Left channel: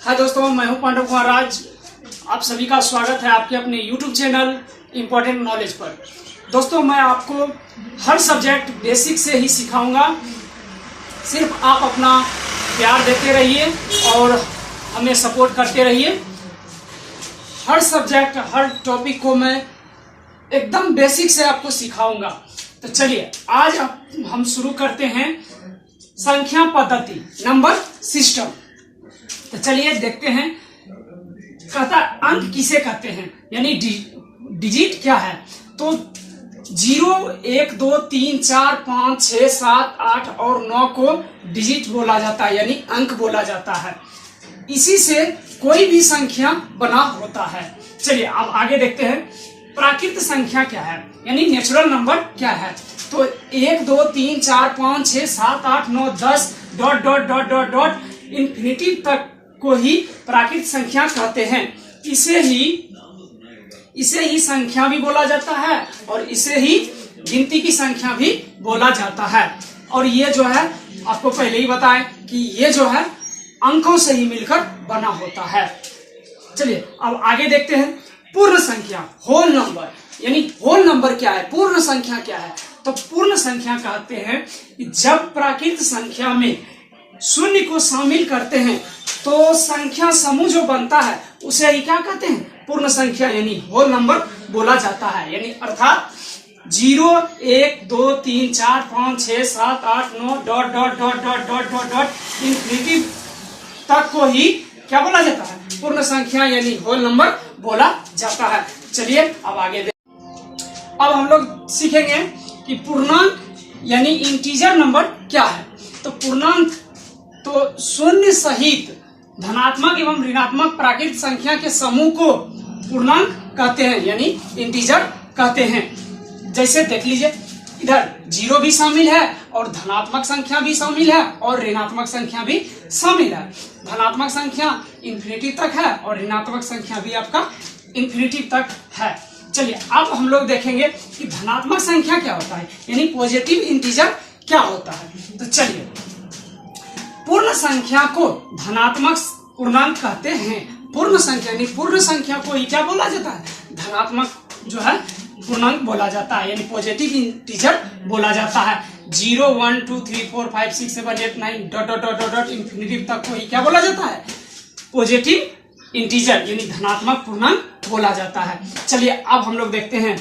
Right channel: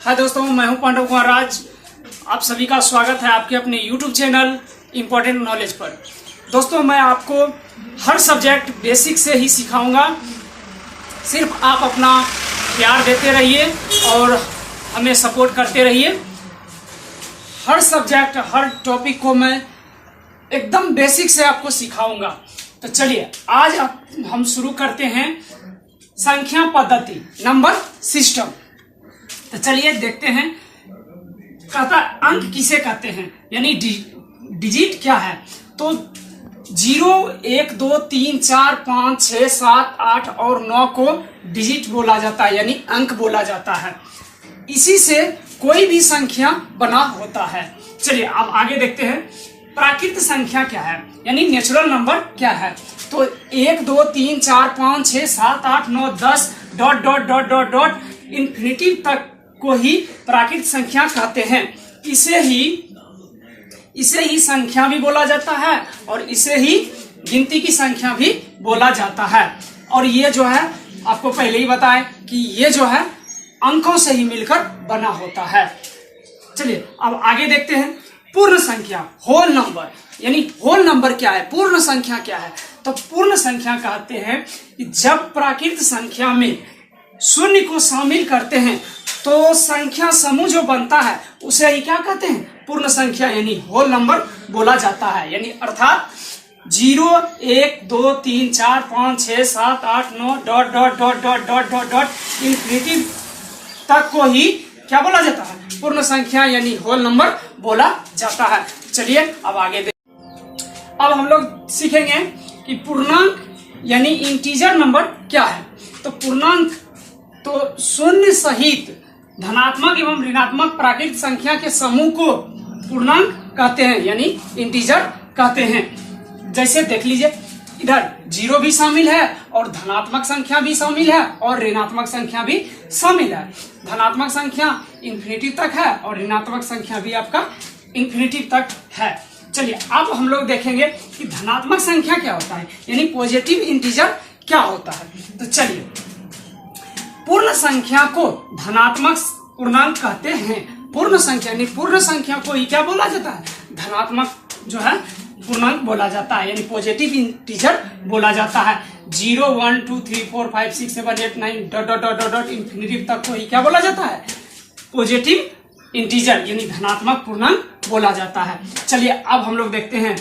हाय दोस्तों, मैं हूं पांडव कुमार राज। आप सभी का स्वागत है आपके अपने YouTube चैनल इम्पोर्टेंट नॉलेज पर। दोस्तों, मैं आपको हर सब्जेक्ट बेसिक से ही सिखाऊंगा। सिर्फ आप अपना प्यार देते रहिए और हमें सपोर्ट करते रहिए। हर सब्जेक्ट, हर टॉपिक को मैं एकदम बेसिक से आपको सिखाऊंगा। तो चलिए आज हम शुरू करते हैं संख्या पद्धति, नंबर सिस्टम। तो चलिए देखते हैं, कहता अंक किसे कहते हैं, यानी डिजिट क्या है। तो 0, 1, 2, 3, 4, 5, 6, 7, 8 और 9 को डिजिट बोला जाता है, यानी अंक बोला जाता है। इसी से कोई भी संख्या बना होता है। चलिए अब आगे देखते हैं, प्राकृत संख्या क्या है, यानी नेचुरल नंबर क्या है। तो 1, 2, 3, 4, 5, 6, 7, 8, 9, 10 dot dot dot dot dot infinity तक को ही प्राकृत संख्या कहते हैं। इसे ही संख्या भी बोला जाता है और इसे ही गिनती की संख्या भी बोला जाता है। और ये जो है आपको पहले ही बताएं कि ये जो है अंकों से ही मिलकर बना होता है। चलिए अब आगे देखते हैं, पूर्ण संख्या, होल नंबर, यानी होल नंबर क्या है, पूर्ण संख्या क्या है। तो पूर्ण संख्या कहते हैं कि जब प्राकृत संख्या में शून्य को शामिल करते हैं तो संख्या समूह जो बनता है उसे ही क्या कहते हैं, पूर्ण संख्या यानी होल नंबर बोला जाता है। यानी अर्थात 0, 1, 2, 3, 4, 5, 6, 7, 8, 9 dot dot dot dot dot dot dot infinity तक को ही क्या बोला जाता है, पूर्ण संख्या यानी होल नंबर बोला जाता है। चलिए अब आगे अब हम लोग सीखेंगे कि पूर्णांक यानी इंटीजर नंबर क्या है। तो पूर्णांक तो शून्य सहित धनात्मक एवं ऋणात्मक प्राकृत संख्या के समूह को पूर्णांक कहते हैं, यानी इंटीजर कहते हैं। जैसे देख लीजिए, इधर 0 भी शामिल है और धनात्मक संख्या भी शामिल है और ऋणात्मक संख्या भी शामिल है। धनात्मक संख्या इंफिनिटी तक है और ऋणात्मक संख्या भी आपका इंफिनिटी तक है। चलिए अब हम लोग देखेंगे कि धनात्मक संख्या क्या होता है, यानी पॉजिटिव इंटीजर क्या होता है। तो चलिए, पूर्ण संख्या को धनात्मक पूर्णांक कहते हैं। पूर्ण संख्या यानी पूर्ण संख्या को ही क्या बोला जाता है, धनात्मक जो है पूर्णांक बोला जाता है, यानी पॉजिटिव इंटीजर बोला जाता है। 0, 1, 2, 3, 4, 5, 6, 7, 8, 9 dot dot dot dot infinity तक को ही क्या बोला जाता है, पॉजिटिव इंटीजर यानी धनात्मक पूर्णांक बोला जाता है। चलिए अब हम लोग देखते हैं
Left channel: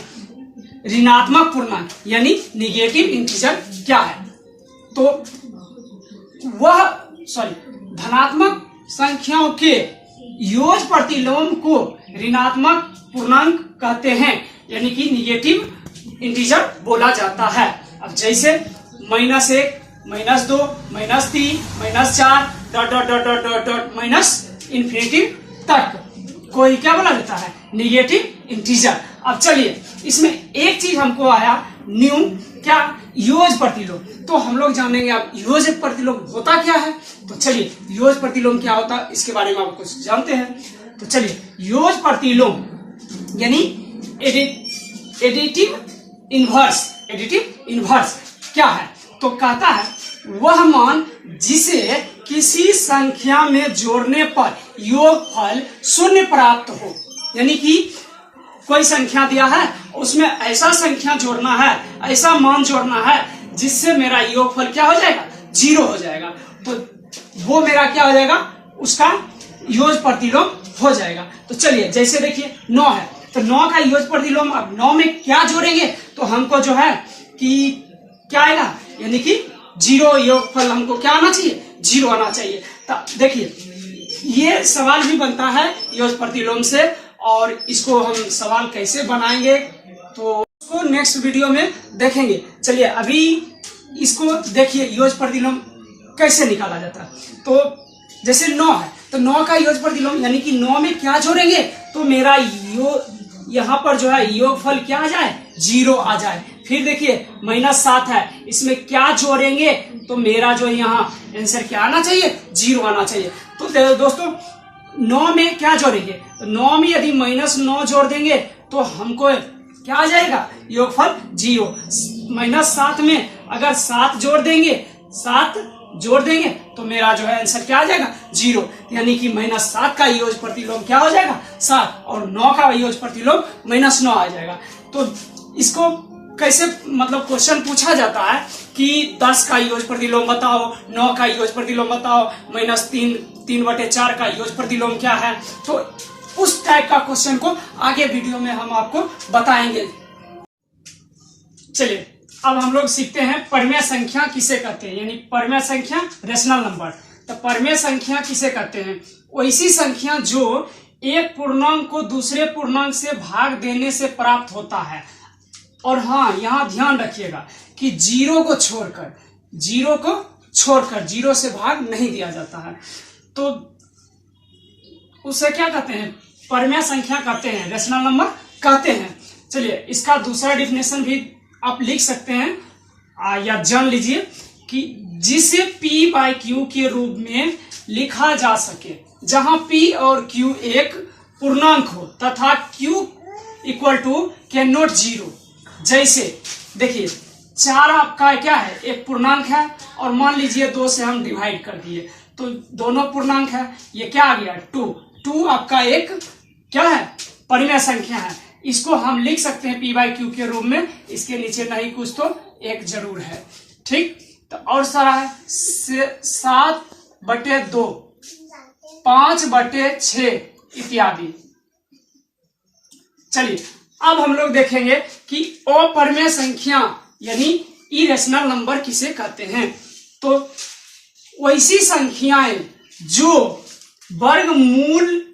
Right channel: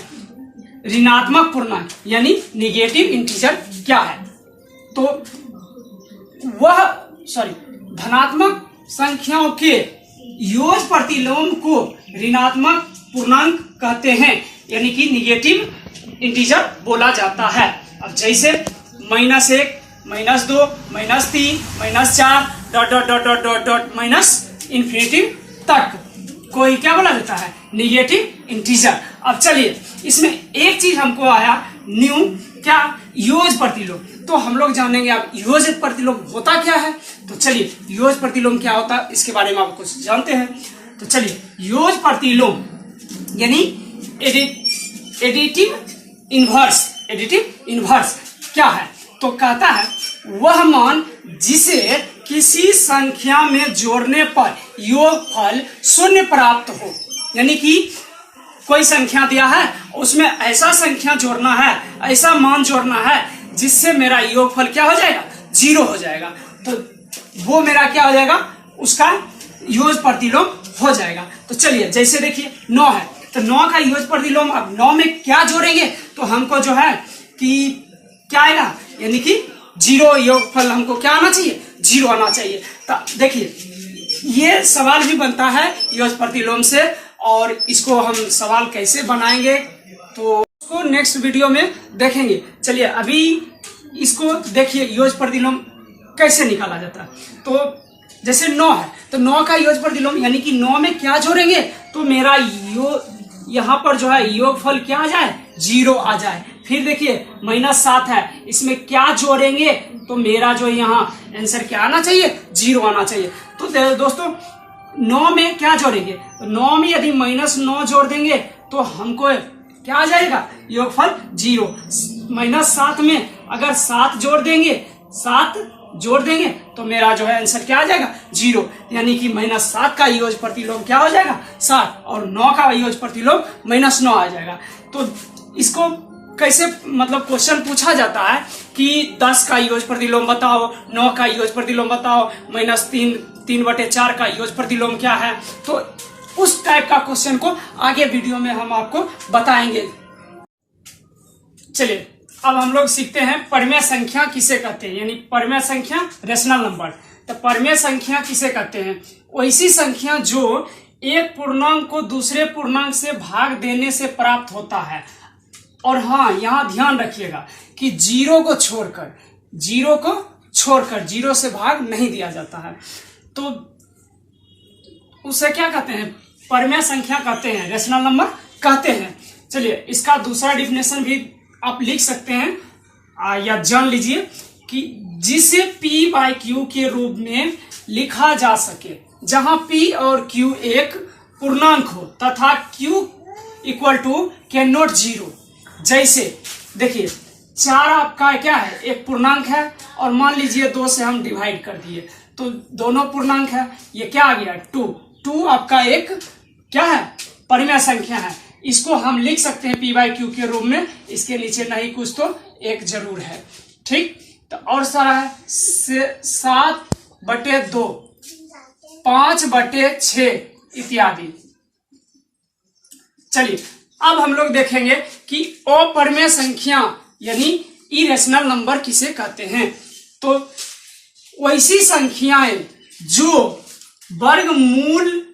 ऋणात्मक पूर्णांक यानी निगेटिव इंटीजर क्या है। तो धनात्मक संख्याओं के योग प्रतिलोम को ऋणात्मक पूर्णांक कहते हैं, यानी कि निगेटिव इंटीजर बोला जाता है। अब जैसे -1, -2, -3, -4 dot dot dot dot dot dot minus infinity तक कोई क्या बोला जाता है, निगेटिव इंटीजर। अब चलिए इसमें एक चीज हमको आया न्यू, क्या, योग प्रतिलोम। तो हम लोग जानेंगे अब योग प्रतिलोम होता क्या है। तो चलिए योग प्रतिलोम क्या होता है इसके बारे में आप कुछ जानते हैं। तो चलिए, योग प्रतिलोम यानी एडिटिव इनवर्स क्या है। तो कहता है वह मान जिसे किसी संख्या में जोड़ने पर योगफल शून्य प्राप्त हो, यानी कि कोई संख्या दिया है उसमें ऐसा संख्या जोड़ना है, ऐसा मान जोड़ना है जिससे मेरा योगफल क्या हो जाएगा, 0 हो जाएगा। तो वो मेरा क्या हो जाएगा, उसका योग प्रतिलोम हो जाएगा। तो चलिए जैसे देखिए 9 है, तो 9 का योग प्रतिलोम, अब 9 में क्या जोड़ेंगे तो हमको जो है कि क्या आएगा, यानी कि 0 योगफल हमको क्या आना चाहिए, 0 आना चाहिए। तो देखिए ये सवाल भी बनता है योग प्रतिलोम से, और इसको हम सवाल कैसे बनाएंगे तो उसको नेक्स्ट वीडियो में देखेंगे। चलिए अभी इसको देखिए योग प्रतिलोम कैसे निकाला जाता है। तो जैसे 9 है, तो 9 का योग प्रतिलोम यानी कि 9 में क्या जोड़ेंगे तो मेरा यहाँ पर जो है योगफल क्या आ जाए, 0 आ जाए। फिर देखिए -7 है, इसमें क्या जोड़ेंगे तो मेरा जो यहाँ आंसर क्या आना चाहिए, 0 आना चाहिए। तो दोस्तों 9 में क्या जोड़ेंगे, तो 9 में यदि -9 जोड़ देंगे तो हमको क्या आ जाएगा, योगफल 0। -7 में अगर 7 जोड़ देंगे, 7 जोड़ देंगे तो मेरा जो है आंसर क्या आ जाएगा 0, यानी कि -7 का योग प्रतिलोम क्या हो जाएगा 7 और 9 का योग प्रतिलोम -9 आ जाएगा। तो इसको कैसे मतलब क्वेश्चन पूछा जाता है कि 10 का योग प्रतिलोम बताओ, 9 का योग प्रतिलोम बताओ, -3/4 का योग प्रतिलोम क्या है, तो उस टाइप का क्वेश्चन को आगे वीडियो में हम आपको बताएंगे। चलिए अब हम लोग सीखते हैं परिमेय संख्या किसे कहते हैं, यानी परिमेय संख्या रेशनल नंबर। तो परिमेय संख्या किसे कहते हैं, वैसी संख्या जो एक पूर्णांक को दूसरे पूर्णांक से भाग देने से प्राप्त होता है। और हाँ, यहाँ ध्यान रखिएगा कि जीरो को छोड़कर जीरो से भाग नहीं दिया जाता है, तो उसे क्या कहते हैं, परिमेय संख्या कहते हैं, रेशनल नंबर कहते हैं। चलिए इसका दूसरा डिफिनेशन भी आप लिख सकते हैं या जान लीजिए कि जिसे p/q के रूप में लिखा जा सके, जहां p और q एक पूर्णांक हो तथा q = कैन नॉट 0। जैसे देखिए 4 आपका क्या है, एक पूर्णांक है और मान लीजिए 2 से हम डिवाइड कर दिए तो दोनों पूर्णांक है, ये क्या आ गया 2 आपका एक क्या है, परिमेय संख्या है। इसको हम लिख सकते हैं p/q के रूप में, इसके नीचे नहीं कुछ तो 1 जरूर है, ठीक। तो और सारा है 7/2, 5/6 इत्यादि। चलिए अब हम लोग देखेंगे कि अपरिमेय संख्या यानी इरेशनल नंबर किसे कहते हैं। तो वैसी संख्याएं जो वर्गमूल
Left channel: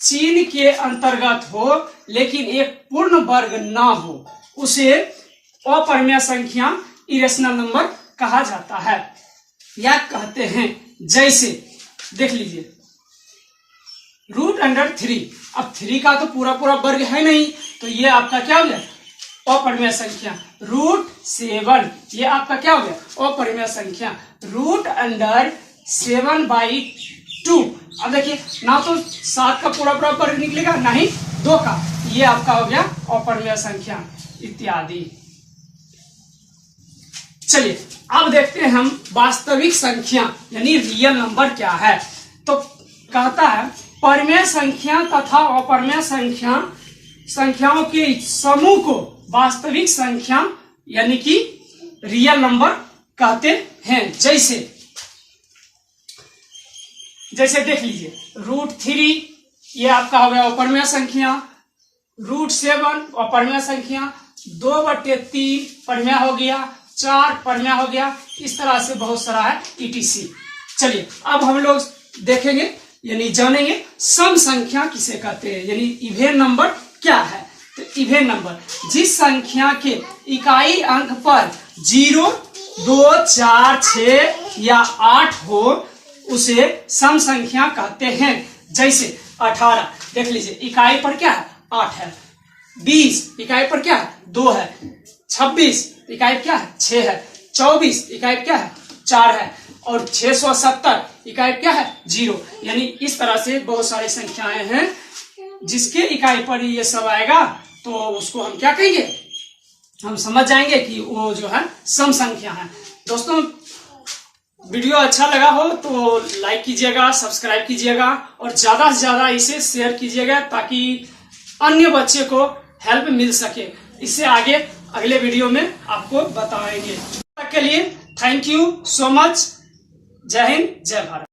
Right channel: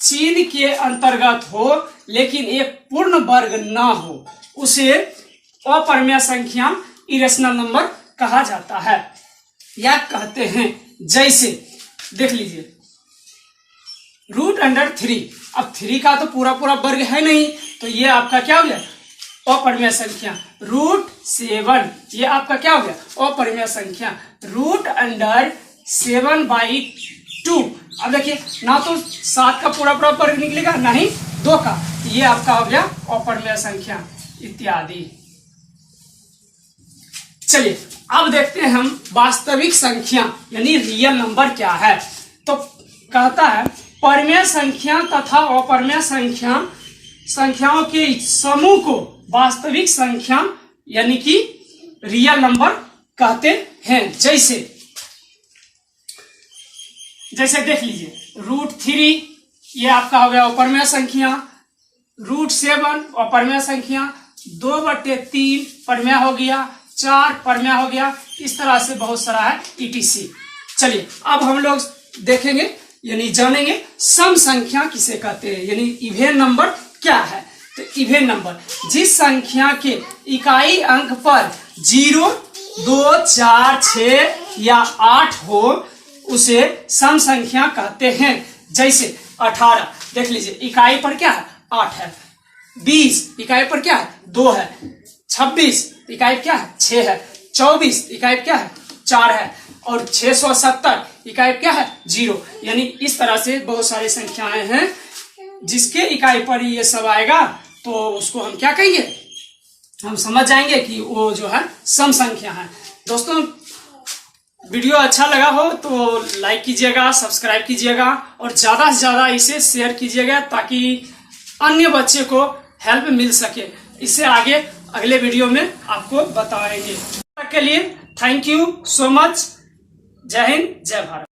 चिन्ह के अंतर्गत हो लेकिन एक पूर्ण वर्ग ना हो, उसे अपरिमेय संख्या इरेशनल नंबर कहा जाता है या कहते हैं। जैसे देख लीजिए √3, अब 3 का तो पूरा वर्ग है नहीं, तो ये आपका क्या हो गया अपरिमेय संख्या। √7 ये आपका क्या हो गया अपरिमेय संख्या। √7/2, अब देखिए ना तो 7 का पूरा वर्ग निकलेगा ना ही 2 का, ये आपका हो गया अपरिमेय संख्या इत्यादि। चलिए अब देखते हैं हम वास्तविक संख्या यानी रियल नंबर क्या है। तो कहता है परिमेय संख्या तथा अपरिमेय संख्याओं के समूह को वास्तविक संख्या यानी कि रियल नंबर कहते हैं। जैसे देख लीजिए √3 ये आपका हो गया अपरिमेय संख्या, √7 अपरिमेय संख्या, 2/3 परिमेय हो गया, 4 परिमेय हो गया, इस तरह से बहुत सारा है etc। चलिए अब हम लोग देखेंगे यानी जानेंगे सम संख्या किसे कहते हैं, यानी इवेन नंबर क्या है। तो इवेन नंबर जिस संख्या के इकाई अंक पर 0, 2, 4, 6 या 8 हो उसे सम संख्या कहते हैं। जैसे 18 देख लीजिए इकाई पर क्या है 8 है, 20 इकाई पर क्या है 2 है, 26 इकाई क्या है 6 है, 24 इकाई क्या है 4 है और 670 इकाई क्या है 0। यानी इस तरह से बहुत सारी संख्याएं हैं जिसके इकाई पर ये सब आएगा तो उसको हम क्या कहेंगे, हम समझ जाएंगे कि वो जो है सम संख्या है। दोस्तों वीडियो अच्छा लगा हो तो लाइक कीजिएगा, सब्सक्राइब कीजिएगा और ज्यादा से ज्यादा इसे शेयर कीजिएगा ताकि अन्य बच्चे को हेल्प मिल सके। इससे आगे अगले वीडियो में आपको बताएंगे। तब तक के लिए थैंक यू सो मच। जय हिंद, जय भारत।